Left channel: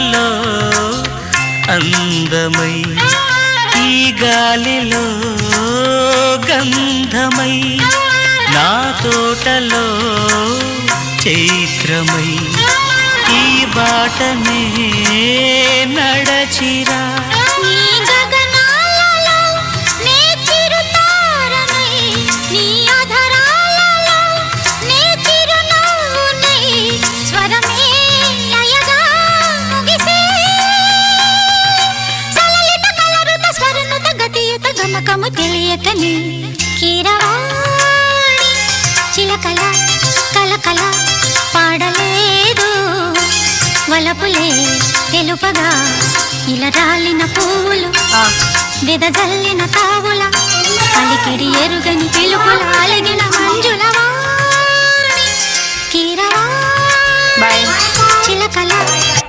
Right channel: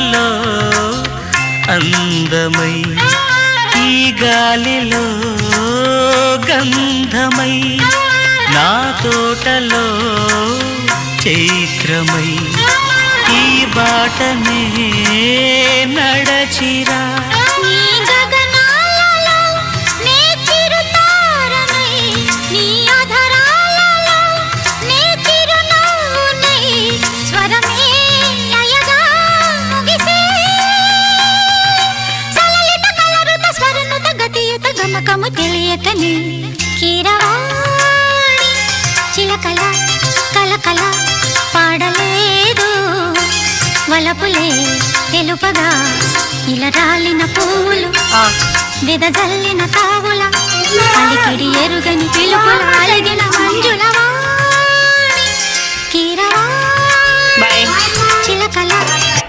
తోటలో అందమై ఈ గాలిలో గంధమై నా తోటలో చైత్రమై ఈ బాటనే నడచిరా గమకము తెలియతని కీరవాణి చిలకల కలకల పాడలేదు వలపులే తెలుపగా ఇలా రాలిన పూలు వెదజల్లిన తావుల అలికిడి ఎరుగని పిలుపుల అలిగిన మంజుల వాణి కీరవాణి